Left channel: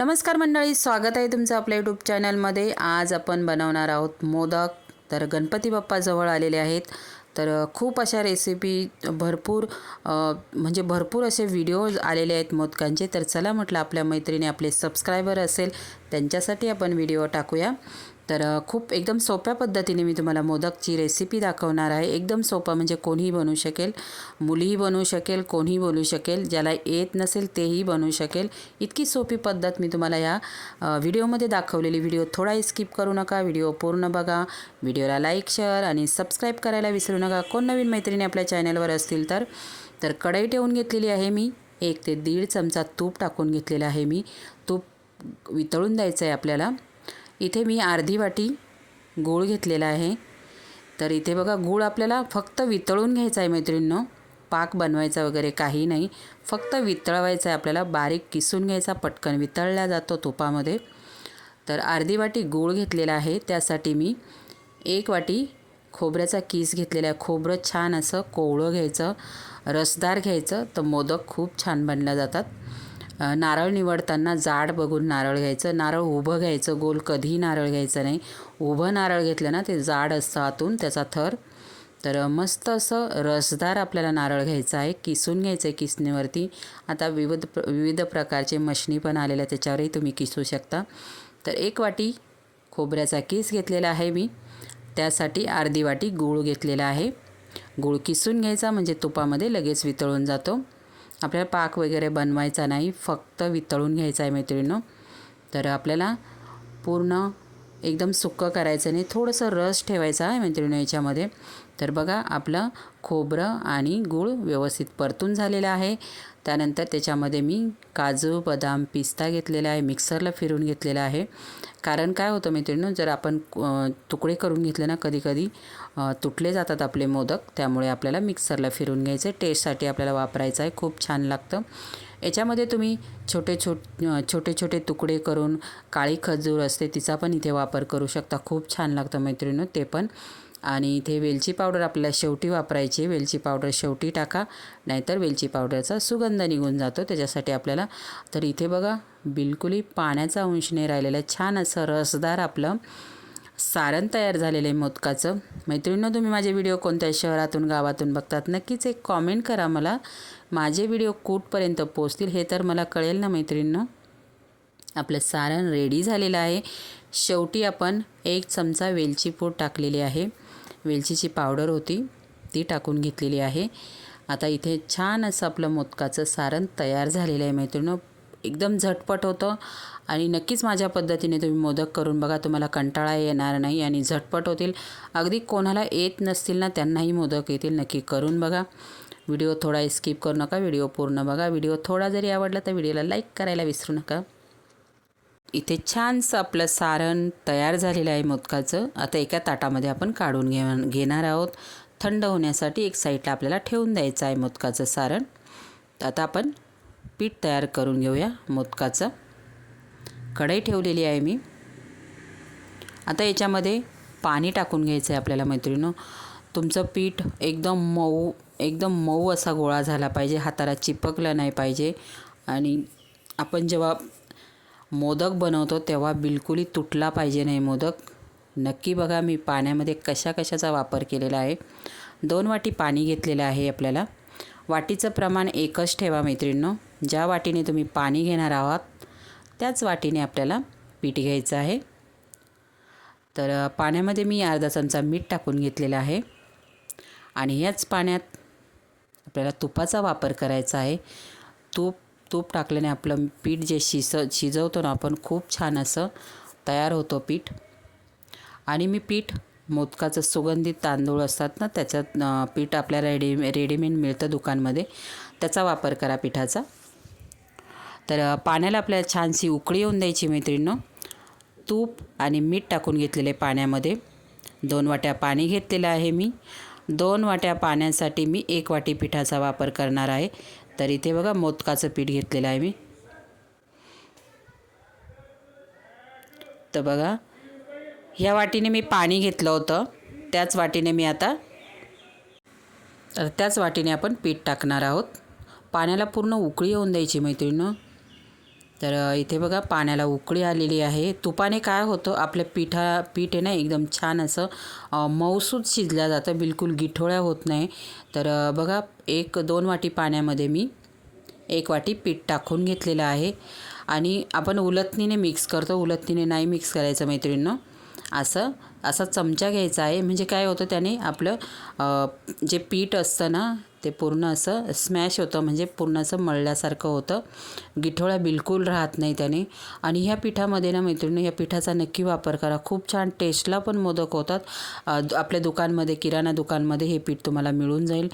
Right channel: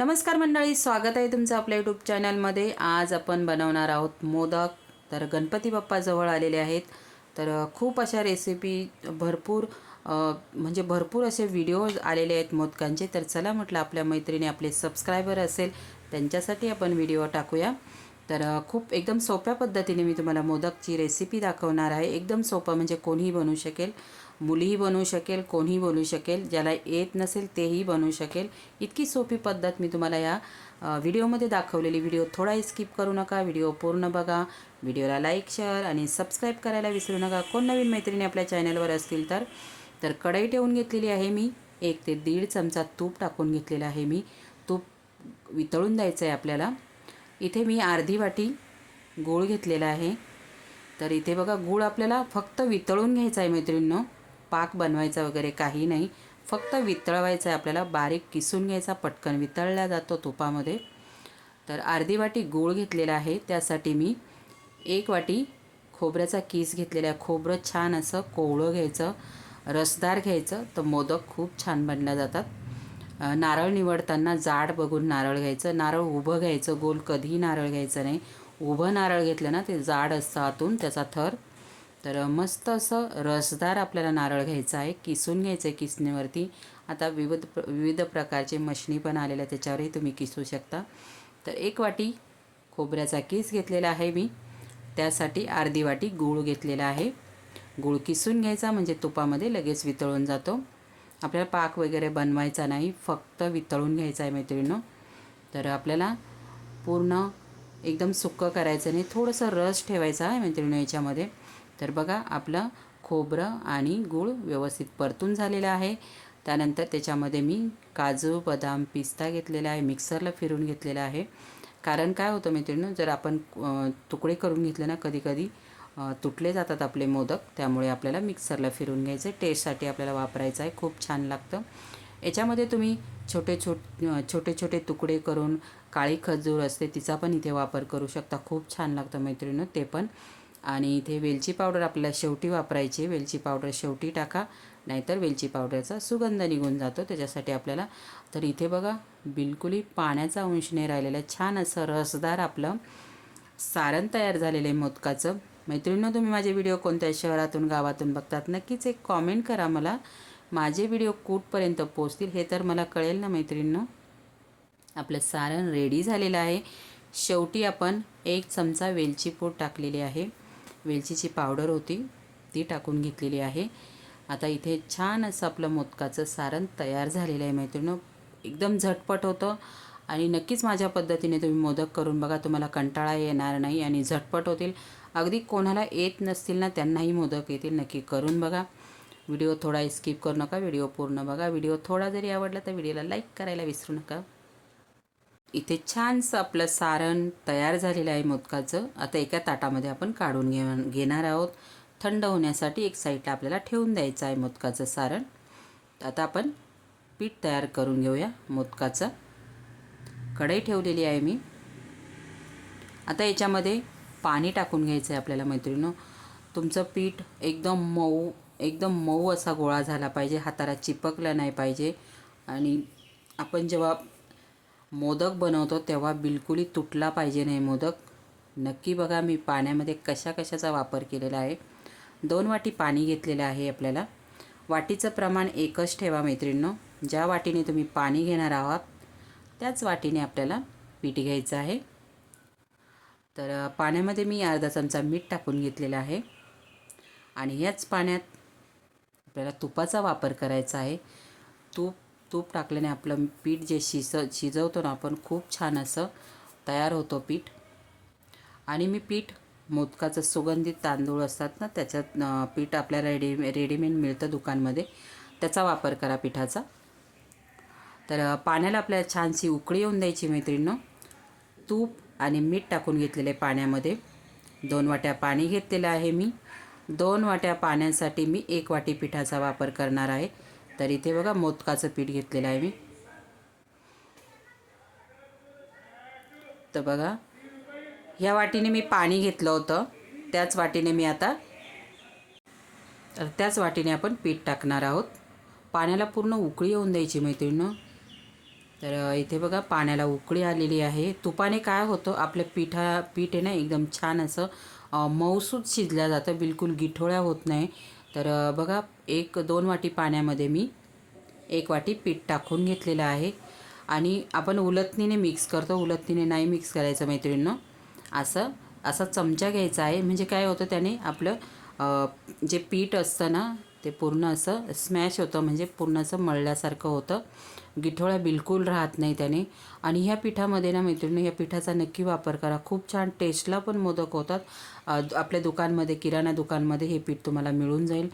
नमस्कार मंडळी स्वागत आहे तुमचं आपल्या यूट्यूब चॅनलमध्ये आज आपण बनवणार आहोत मोदक. तर गणपती बाप्पाजवळ आलेले आहेत. तर खूप अशा रेसिपी भरपूर म्हणजे भरपूर असे व्हिडिओज आलेले आहेत मोदकांचे. तर चला म्हटलं आपल्या मैत्रिणी आपले सबस्क्रायबर असेल त्यांच्यासाठी आपण व्हिडिओ टाकूया. तर खूप एकदम सोप्या पद्धतीने मी तुम्हाला मोदकची रेसिपी दाखवणार आहे. एकदम सोपं म्हणजे कोणीही बनवू शकेल मुलीही बनवू शकेल कोणीही बनवू शकेल ज्याला येत नसेल तेही बनवू शकेल. इतकी सोपी पद्धत मी तुम्हाला या व्हिडिओमध्ये दाखवलेली. व्हिडिओ थोडाही स्किप करू नका. व्हिडिओ पूर्ण बघा. व्हिडिओला लाईक शेअर आणि सबस्क्राईब करायला विसरू नका. कोण नवीन मैत्रिणी आपल्या चॅनलवर असतील तर तर कढई ठेवून घेतलेली आहे मी. एक ते दीड चमचा तूप टाकून घेतलेलं आहे मी. तूप वितळून द्यायचं आहे आपल्याला. इथे मी अर्धी वाटी गूळ घेतलेला आहे. तर इथे बघा गूळ आपल्याला फक्त वितळून घ्यायचा आहे मैत्रिणींनो. पाक बनवायचा वगैरे काही नाही. फक्त वितळवायचा आहे आपल्याला. बारीक किसून घ्यायचा पटकन वितळला जातो तुपामध्ये. तर अर्धी वाटी गूळ घेतलेला आहे. त्यासाठी मी एक वाटी खोबऱ्याचा किस घेतलेला आहे. खोबरं छान असं कोवळं घ्यायचं. रसदार घ्यायचं. तर मोदक खूप छान बनल्या जातात. नारळ निवडताना जाड बघून नारळ घ्यायचं. नारळ उभं घ्यायचं. गोल कधीही नारळ घ्यायचं नाही. उभं नारळ घेतलं ना ते जाड असतं आतून त्याचा थर. तर मस्त असं रसदार आपल्याला नारळ घ्यायचं आहे. किसून घ्यायचं आहे किसणीवरती. आता विविध प्र विविध प्रकारचे मशनी पण आलेल्या त्याच्यावरही तुम्ही किसू शकता. तर एक वाटी खोबऱ्याचा किस घेतलेला आहे मी. त्यासाठी अर्धी वाटी गूळ घेतलेला आहे. गूळ किसून घ्यायचा म्हणजे तुपामध्ये लगेच वितळून जातो. आपल्याला पाक वगैरे बनवायचा नाही फक्त वितळून घ्यायचा आहे मैत्रिणीनं. तर आपल्याला पूर्ण एकदम सुक्कं करायचं नाही थोडंसं रस ठेवायचा आहे मैत्रिणी याच्यामध्ये. तर बघा आपलं खोबरं आणि गूळ व्यवस्थित परतून झालेलं आहे. त्यानंतर त्याच्यामध्ये मी काजू बदाम पिस्ता घेतलेला आहे मिक्सरला फिरून घेतलेला आहे. कारण काय होतं मैत्रिणीनं जर आपण तुकडे करून घेतले ना कधीकधी तुटले जातात आपले मोदक. त्यामुळे आपल्याला मिक्सरला फिरून घ्यायचं. टेस्टसाठी आपल्याला वापरायचं आहे. खूप छान लागतं. याच्यामध्ये तुम्ही छोटे छोट छोटे छोटे तुकडे करून काळी खजूर असते तिचा पण इथे वापर करू शकता. खूप छान लागतं मैत्रिणीनं ते पण. आणि इथे वेलची पावडर आपल्याला शेवटी वापरायची वेलची पावडर शेवटी टाका. नाहीतर वेलची पावडरचा सुगंध निघून जातो. त्याच्यासाठी आपल्याला तर इथे बघा बिलकुलही पाण्याचा अंश नाही राहिलेला. आहे. छान असं रसदार आपलं सारण तयार झालेलं आहे मोदकाचं. मैत्रिणीनं तुम्ही माझे व्हिडिओ कोणत्या शहरातून गावातून बघतात नक्कीच एक कॉमेंट करा मला. माझे व्हिडिओ कुठपर्यंत पोचतील हे तर मला कळेल ना मैत्रिणीनं. आपलं सारण रेडी झालेलं आहे. शेवटी आपण एक चमचा वेलची पूड टाकलेली आहे. वेलचीची पावडर होती ती टाकून घेतलेली आहे. आता इथे छान असं आपलं मोदकाचं सारण तयार झालेलं आहे मैत्रिणीनं. एकदम झटपट होतं. आणि नक्कीच माझ्या पद्धतीने तुम्ही मोदक करून बघा तुम्हाला कंटाळा येणार नाही आणि झटपट होतील. अगदी कोणाला येत नसतील ना त्यांनाही मोदक येतील नक्की करून बघा. व्हिडिओ थोडा स्किप करू नका व्हिडिओ पूर्ण बघा. व्हिडिओ थोडा जरी आवडला तर व्हिडिओला लाईक करायला विसरू नका. इथे छानसं आपलं सारण तयार झालेलं आहे मोदकाचं. आता एका ताटामध्ये आपण काढून घे घेणार आहोत. थंड होण्यासाठी एक साईडला आपल्याला ठेवून द्यायचं आहे मोदकाचं सारण. आता आपण पीठ तयार करून घेऊया मोदकाचं. कढई ठेवलेली आहे मी. आता याच्यामध्ये पाणी टाकून घ्यायचं आहे आपल्याला मैत्रिणीनं. तुमचं पीठ एकदम मऊ एकदम मऊ असा गोळा झाला पाहिजे. हाताला चिपकला नाही पाहिजे. आणि आपण जेव्हा मोदक बनवतो तेव्हा बिलकुलही तुटला पाहिजे नाही मोदक. नक्की बघा मी पाण्यामध्ये कशा कशाचा वापर केलेला आहे. दोन वाटी पाणी घेतलेलं आहे आपल्याला. वाटीचं प्रमाण एकच ठेवा मैत्रिणीनं. ज्या वाटीने तुम्ही पाणी घेणार आहात त्याच वाटीने आपल्याला पीठ घ्यायचं आहे. तर पाण्यामध्ये मी अर्धा चमचा मीठ टाकून घेतलेलं आहे. आणि ह्याच पाण्यात आपल्याला तुपाचा वापर करायचा आहे. तूप तूप टाकल्याने आपलं पीठ जे शिस शिजवतो ना आपण खूप छान असं तयार होतो पीठ. आणि मी पीठ मोदकाचं सुगंधित तांदूळ असतात ना त्याच्यात पीठ आपल्याला रेडी रेडीमेड मिळतं दुकानमध्ये. त्याचा वापर करा पिठाचा. तर पाण्याला आपल्याला छानशी उकळी येऊन द्यायची मैत्रिणीनं. तूप आणि मीठ टाकून घेतलेले पाण्यामध्ये. दोन वाट्या पाणी घेतलेलं आहे मी. दोन वाट्या पाण्यासाठी मी एक वाटी पिठाचा वापर करणार आहे. तर इथे बघा मोदकाचं पीठ घेतलेलं आहे मी. तर बघा ह्या वाटीने मी पाणी घेतलं होतं. त्याच वाटीने मी आता तर त्याच वाटीने आपण पीठ टाकणार आहोत. पाण्याला पूर्ण उकळी येऊन द्यायची मैत्रिणीनं. तर इथे बघा पाण्याला उकळी आलेली आहे. तुपाने काय होतं आपल्या पिठा पीठ आहे ना एकदम छान असं मऊसूद मऊसूत शिजल्या जातं. बिलकुल गिठोळ्या होत नाही. तर बघा एक दोन वाटी पाण्यामध्ये मी एक वाटी पीठ टाकून घेतलेलं आहे. आणि आपण उलटणीने मिक्स करतो. उलटणीने नाही मिक्स करायचं मैत्रिणीनं. असं असा चमचा घ्यायचा आहे. म्हणजे काय होतं त्याने आपलं जे पीठ असतं ना ते पूर्ण असं स्मॅश होतं म्हणजे पूर्ण असं मळल्यासारखं होतं. गिठोळ्या बिलकुल राहत नाही त्याने. आणि ह्या पिठामध्ये ना मैत्रिणी या पिठाचा नक्की वापर करा. खूप छान टेस्टला पण मोदक होतात. आपल्या दुकानमध्ये किराणा दुकानमध्ये हे पीठ तुम्हाला मिळून जाईल.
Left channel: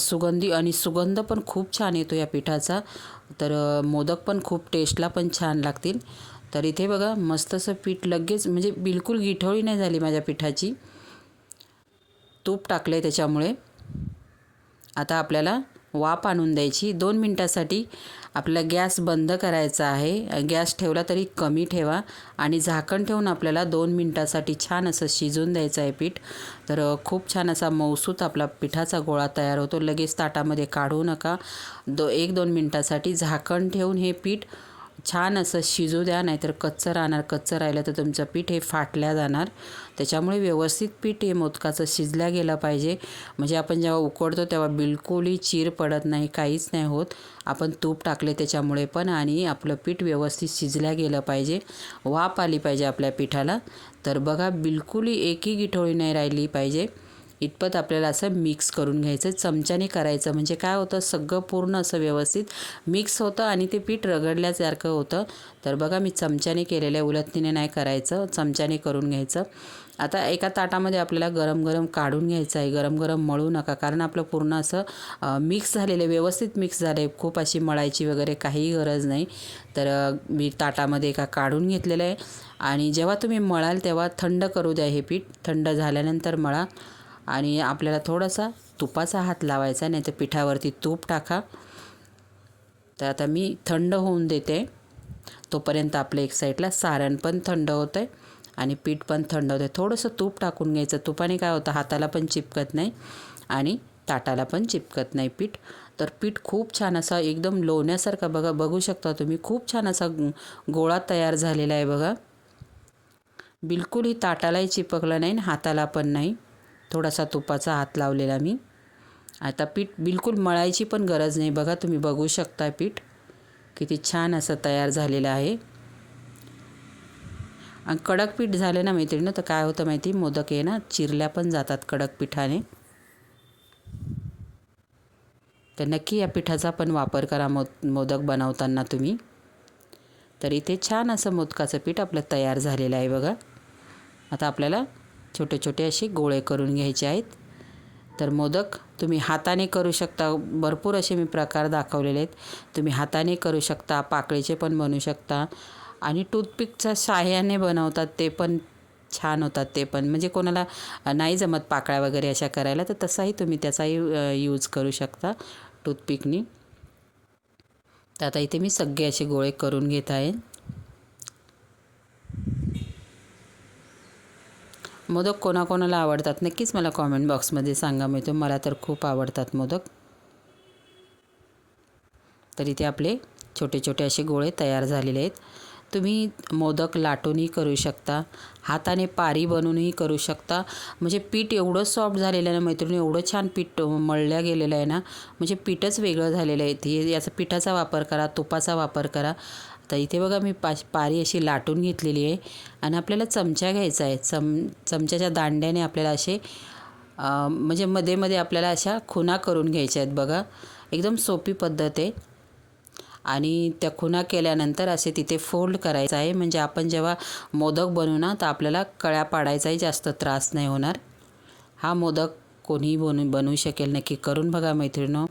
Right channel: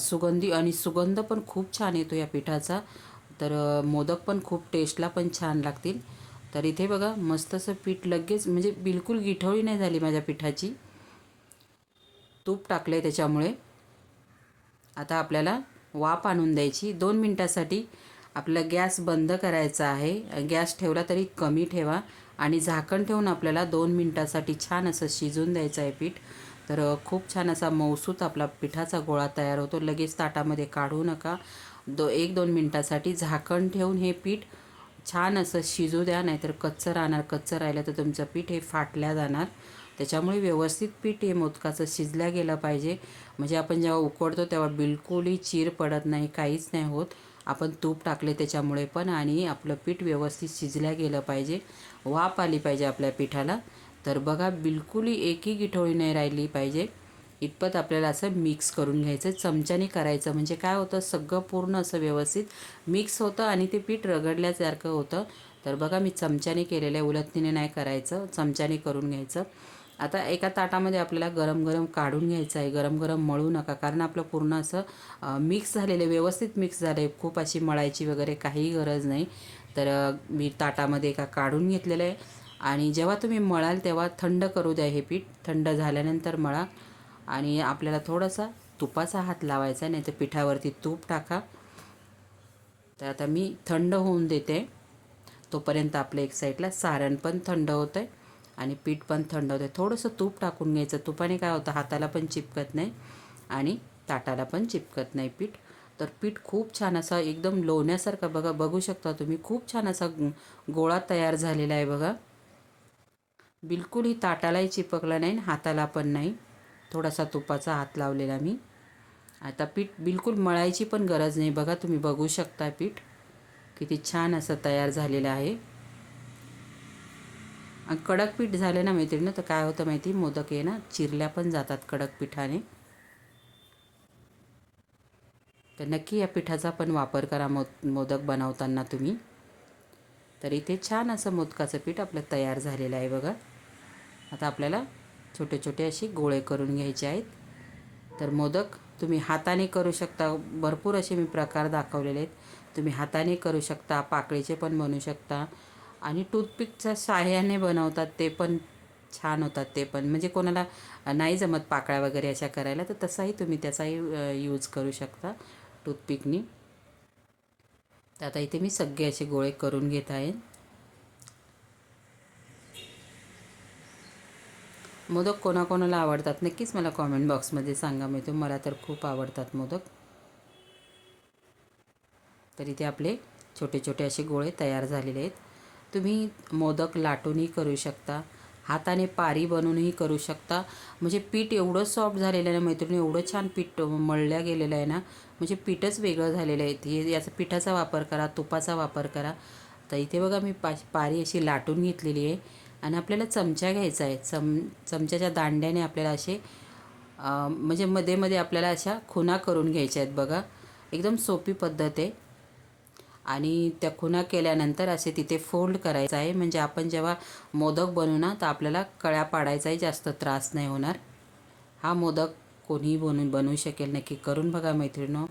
सुगंधी आणि सुगंध पण खूप छान येतो या पिठाचा. तर मोदक पण खूप टेस्टला पण छान लागतील. तर इथे बघा मस्त असं पीठ लगेच म्हणजे बिलकुल गिठोळी नाही झाली माझ्या पिठाची. तूप टाकलं आहे त्याच्यामुळे. आता आपल्याला वाफ आणून द्यायची. दोन मिनटासाठी आपला गॅस बंद करायचा आहे. गॅस ठेवला तरी कमी ठेवा आणि झाकण ठेवून आपल्याला दोन मिनटासाठी छान असं शिजून द्यायचं आहे पीठ. तर खूप छान असा मौसूत आपला पिठाचा गोळा तयार होतो. लगेच ताटामध्ये काढू नका. दो एक दोन मिनटासाठी झाकण ठेवून हे पीठ छान असं शिजू द्या. नाहीतर कच्चं राहणार. कच्चं राहिलं तर तुमचं पीठ हे फाटल्या जाणार. त्याच्यामुळे व्यवस्थित पीठ हे मोदकाचं शिजल्या गेलं पाहिजे. म्हणजे आपण जेव्हा उकडतो तेव्हा बिलकुलही चीर पडत नाही काहीच नाही होत. आपण तूप टाकले त्याच्यामुळे पण आणि आपलं पीठ व्यवस्थित शिजल्या गेलं पाहिजे. वाफ आली पाहिजे आपल्या पिठाला. तर बघा बिलकुलही एकही गिठोळी नाही राहिली पाहिजे. इतपत आपल्याला असं मिक्स करून घ्यायचं चमच्याने करायचं. म्हणजे काय होतं सगळं पूर्ण असं व्यवस्थित मिक्स होतं आणि ते पीठ रगडल्यासारखं होतं. तर बघा मी चमच्याने केलेलं आहे उलथणीने नाही करायचं. चमच्याने करून घ्यायचं. आता एका ताटामध्ये आपल्याला गरम गरम काढून घ्यायचं आहे. गरम गरम मळू नका. कारण आपलं पूर्ण असं मिक्स झालेलं आहे. व्यवस्थित मिक्स झालं आहे. खूप अशी मळायची वगैरे काहीही गरज नाही. तर मी ताटामध्ये एका काढून घेतलेलं आहे. आणि जेव्हा तुम्ही मळाल तेव्हा थंड करू द्या हे पीठ. थंड झाल्यानंतर मळा. आणि आपल्याला थोडासा तुपाचा हात लावायचा नाही तर पिठावरती तूप टाका. तर आता मी थंड होऊन देते. तोपर्यंत आपलं एक साईडला सारण पण थंड होतं आहे आणि पीठ पण थंड होतं आहे थोडंसं तूप टाकून घ्यायचं. तुपाने काय होतं? हाताला पण चिपकत नाही आणि ताटाला पण चिपकत नाही पीठ. तर पीठ खूप छान असा एकदम लोण्यासारखा बघा बघू शकता तुम्ही. खूप छान असा गोळा तयार झालेला आहे बघा. बिलकुलही ताटालाही चिपकलं नाही आणि हाताला पण नाही. थोडासा तुपाचा हात लावलेला मी. आता पीठ बिलकुल मळायची पण गरज नाही. बघा तुम्ही बघू शकता पीठ. किती छान असं तयार झालेलं आहे. आणि कडक पीठ झालं ना मैत्रिणी तर काय होतं माहिती? मोदक आहे ना चिरल्या पण जातात कडक पिठाने. तर नक्की या पिठाचा पण वापर करा मोद मोदक बनवताना तुम्ही. तर इथे छान असं मोदकाचं पीठ आपलं तयार झालेलं आहे बघा. आता आपल्याला छोटे छोटे असे गोळे करून घ्यायचे आहेत. तर मोदक तुम्ही हाताने करू शकता. भरपूर असे मी प्रकार दाखवलेले आहेत. तुम्ही हाताने करू शकता पाकळीचे पण बनवू शकता. आणि टूथपिकच्या साह्याने बनवतात ते पण छान होतात ते पण. म्हणजे कोणाला नाही जमत पाकळ्या वगैरे अशा करायला तर तसाही तुम्ही त्याचाही यूज करू शकता टूथपिकनी. तर आता इथे मी सगळे असे गोळे करून घेत आहे. मोदक कोणाकोणाला आवडतात? नक्कीच मला कॉमेंट बॉक्समध्ये सांगा. म्हणजे मिळतो मला तर खूप आवडतात मोदक. तर इथे आपले छोटे छोटे असे गोळे तयार झालेले आहेत. तुम्ही मोदक लाटूनही करू शकता. हाताने पारी बनवूनही करू शकता. म्हणजे पीठ एवढं सॉफ्ट झालेलं आहे ना मैत्रिणी एवढं छान पीठ मळल्या गेलेलं आहे ना म्हणजे पीठच वेगळं झालेलं आहे. हे याचा पिठाचा वापर करा तुपाचा वापर करा. तर इथे बघा मी पा पारी अशी लाटून घेतलेली आहे. आणि आपल्याला चमचा घ्यायचा आहे. चम चमच्याच्या दांड्याने आपल्याला असे म्हणजे मध्ये मध्ये आपल्याला अशा खुणा करून घ्यायच्या आहेत बघा. एकदम सोपी पद्धत आहे. आणि त्या खुणा केल्यानंतर असे तिथे फोल्ड करायचं आहे. म्हणजे आपण जेव्हा मोदक बनवू ना तर आपल्याला कळ्या पाडायचाही जास्त त्रास नाही होणार. हा मोदक कोणीही बनू बनवू शकेल. नक्की करून बघा मैत्रिणो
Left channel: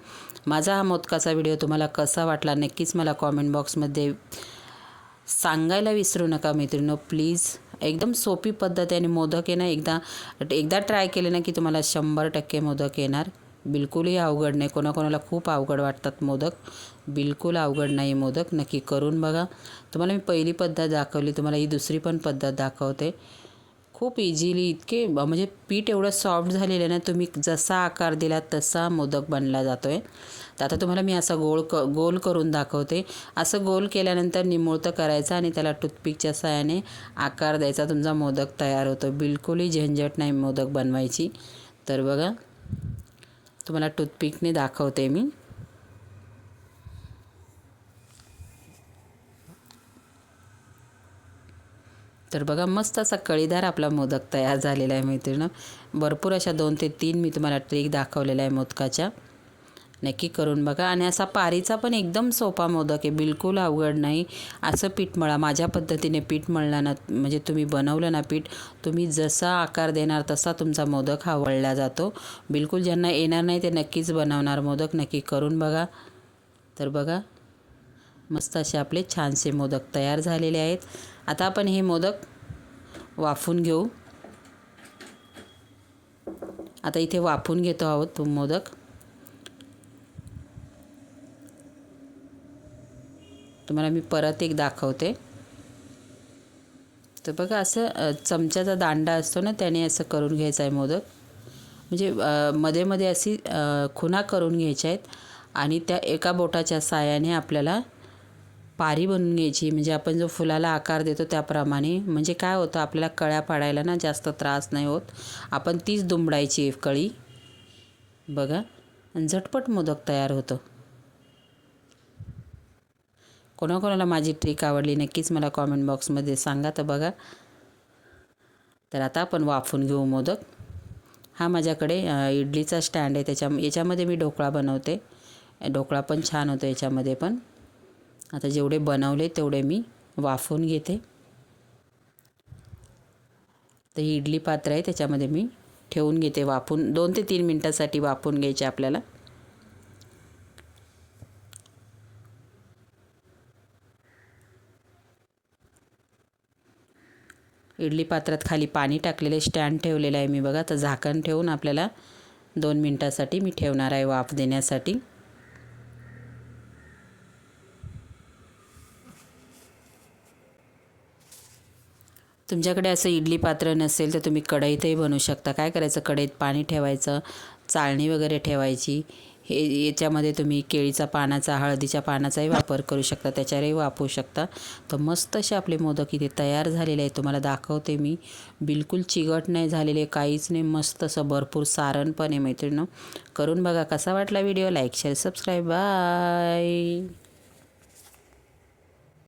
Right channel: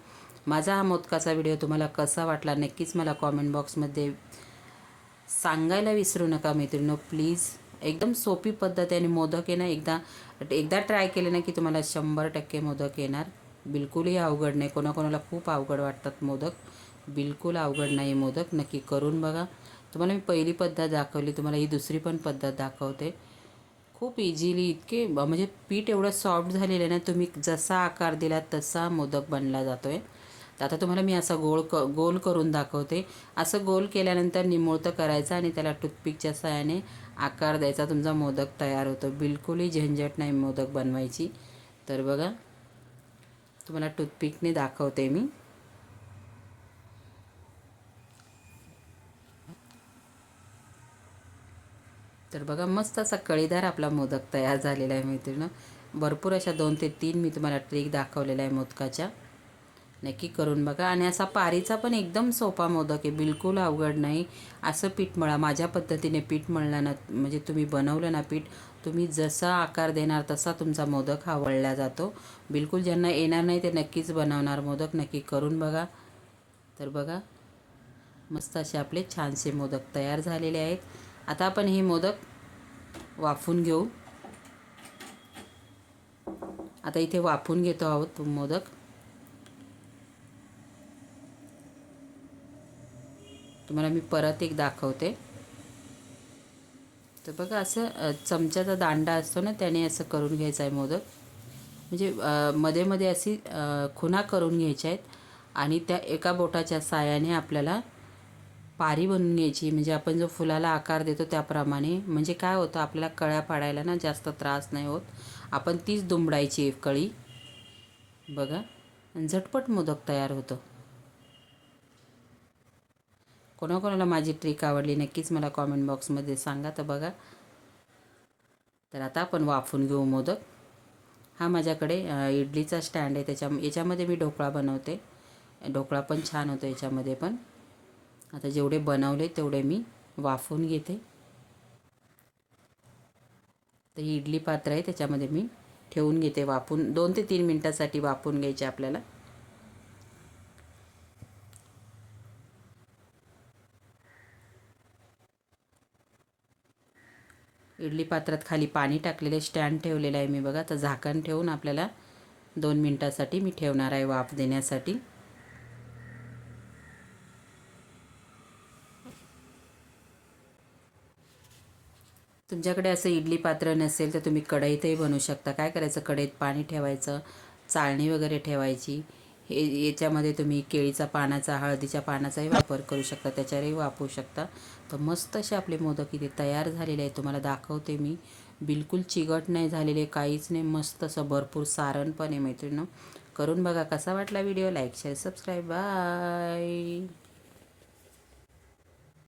माझा हा मोदकाचा व्हिडिओ तुम्हाला कसा वाटला नक्कीच मला कॉमेंट बॉक्समध्ये सांगायला विसरू नका मैत्रिणो प्लीज एकदम सोपी पद्धत आहे आणि मोदक आहे ना एकदा एकदा ट्राय केले ना की तुम्हाला शंभर टक्के मोदक येणार. बिलकुलही अवघड नाही. कोणाकोणाला खूप अवघड वाटतात मोदक. बिलकुल अवघड नाही मोदक. नक्की करून बघा. तुम्हाला मी पहिली पद्धत दाखवली. तुम्हाला ही दुसरी पण पद्धत दाखवते. खूप इझिली इतके म्हणजे पीठ एवढं सॉफ्ट झालेलं आहे ना तुम्ही जसा आकार दिला तसा मोदक बनला जातो आहे तर आता तुम्हाला मी असं गोल क गोल करून दाखवते. असं गोल केल्यानंतर निमुळतं करायचं आणि त्याला टूथपिकच्या सहाय्याने आकार द्यायचा. तुमचा मोदक तयार होतो. बिलकुलही झंझट नाही मोदक बनवायची. तर बघा तुम्हाला टूथपिकने दाखवते मी. तर बघा मस्त असा कळीदार आपला मोदक तयार झालेला आहे मैत्रिणं. भरपूर अशा दोन ते तीन मी तुम्हाला ट्रिक दाखवलेल्या आहे मोदकाच्या. नक्की करून बघा. आणि असा पारीचा पण एकदम सोपा मोदक आहे. बिलकुल अवघड नाही. असं पीठ मळा. माझ्या पद्धतीने पीठ मळला ना म्हणजे तुम्ही बनवलं ना पीठ तुम्ही जसा आकार देणार तसा तुमचा मोदक हा वळला जातो. बिलकुल ज्यांना येणार नाही ते नक्कीच बनवणार मोदक. नक्की करून बघा. तर बघा मस्त असे आपले छानसे मोदक तयार झालेले आहेत. आता आपण हे मोदक वाफून घेऊ. आता इथे वाफून घेतो आहोत मोदक. तुम्हाला मी परत एक दाखवते. तर बघा असं चमच्याचा दांडा असतो ना त्याने असं करून घ्यायचा आहे मोदक. म्हणजे मध्ये मध्ये अशी खुणा करून घ्यायच्या आहेत आणि त्या एका बोटाच्या साहाय्याने आपल्याला पारी बनवून घ्यायची. म्हणजे आपण जो फुलाला आकार देतो त्याप्रमाणे. म्हणजे काय होतं आपल्याला कळ्या पाडायला ना जास्त त्रास नाही होत. आपण तीच दुमडायची कळी. बघा आणि झटपट मोदक तयार होतं. कोणाकोणाला माझी ट्रिक आवडली नक्कीच मला कॉमेंट बॉक्समध्ये सांगा. तर बघा. तर आता आपण वाफून घेऊ मोदक. हा माझ्याकडे इडलीचा स्टँड आहे. त्याच्या याच्यामध्ये मी ढोकळा बनवते. ढोकळा पण छान होतो याच्यामध्ये पण. आता जेवढे बनवले तेवढे मी वाफून घेते. तर ही इडली पात्र आहे. त्याच्यामध्ये मी ठेवून घेते वाफून. दोन ते तीन मिनटासाठी वाफवून घ्यायचे आपल्याला. इडली पात्रात खाली पाणी टाकलेले स्टँड ठेवलेलं आहे मी बघा. तर झाकण ठेवून आपल्याला दोन मिनटासाठी मी ठेवणार आहे वाफ देण्यासाठी. तुमच्याकडे असं इडली पात्र नसेल तर तुम्ही कढईतही बनवू शकता. काय करायचं? कढईत पाणी ठेवायचं चाळणी वगैरे ठेवायची. हे याच्यामध्ये तुम्ही केळीचा पानाचा हळदीच्या पानाचाही वापर करू शकता त्याच्यावरही वापरू शकता. तर मस्त असे आपले मोदक इथे तयार झालेले आहेत. तुम्हाला दाखवते मी. बिलकुल चिगट नाही झालेले काहीच नाही. मस्त असं भरपूर सारण पण आहे मैत्रिणं करून बघा कसा वाटला video. Like share subscribe. Bye.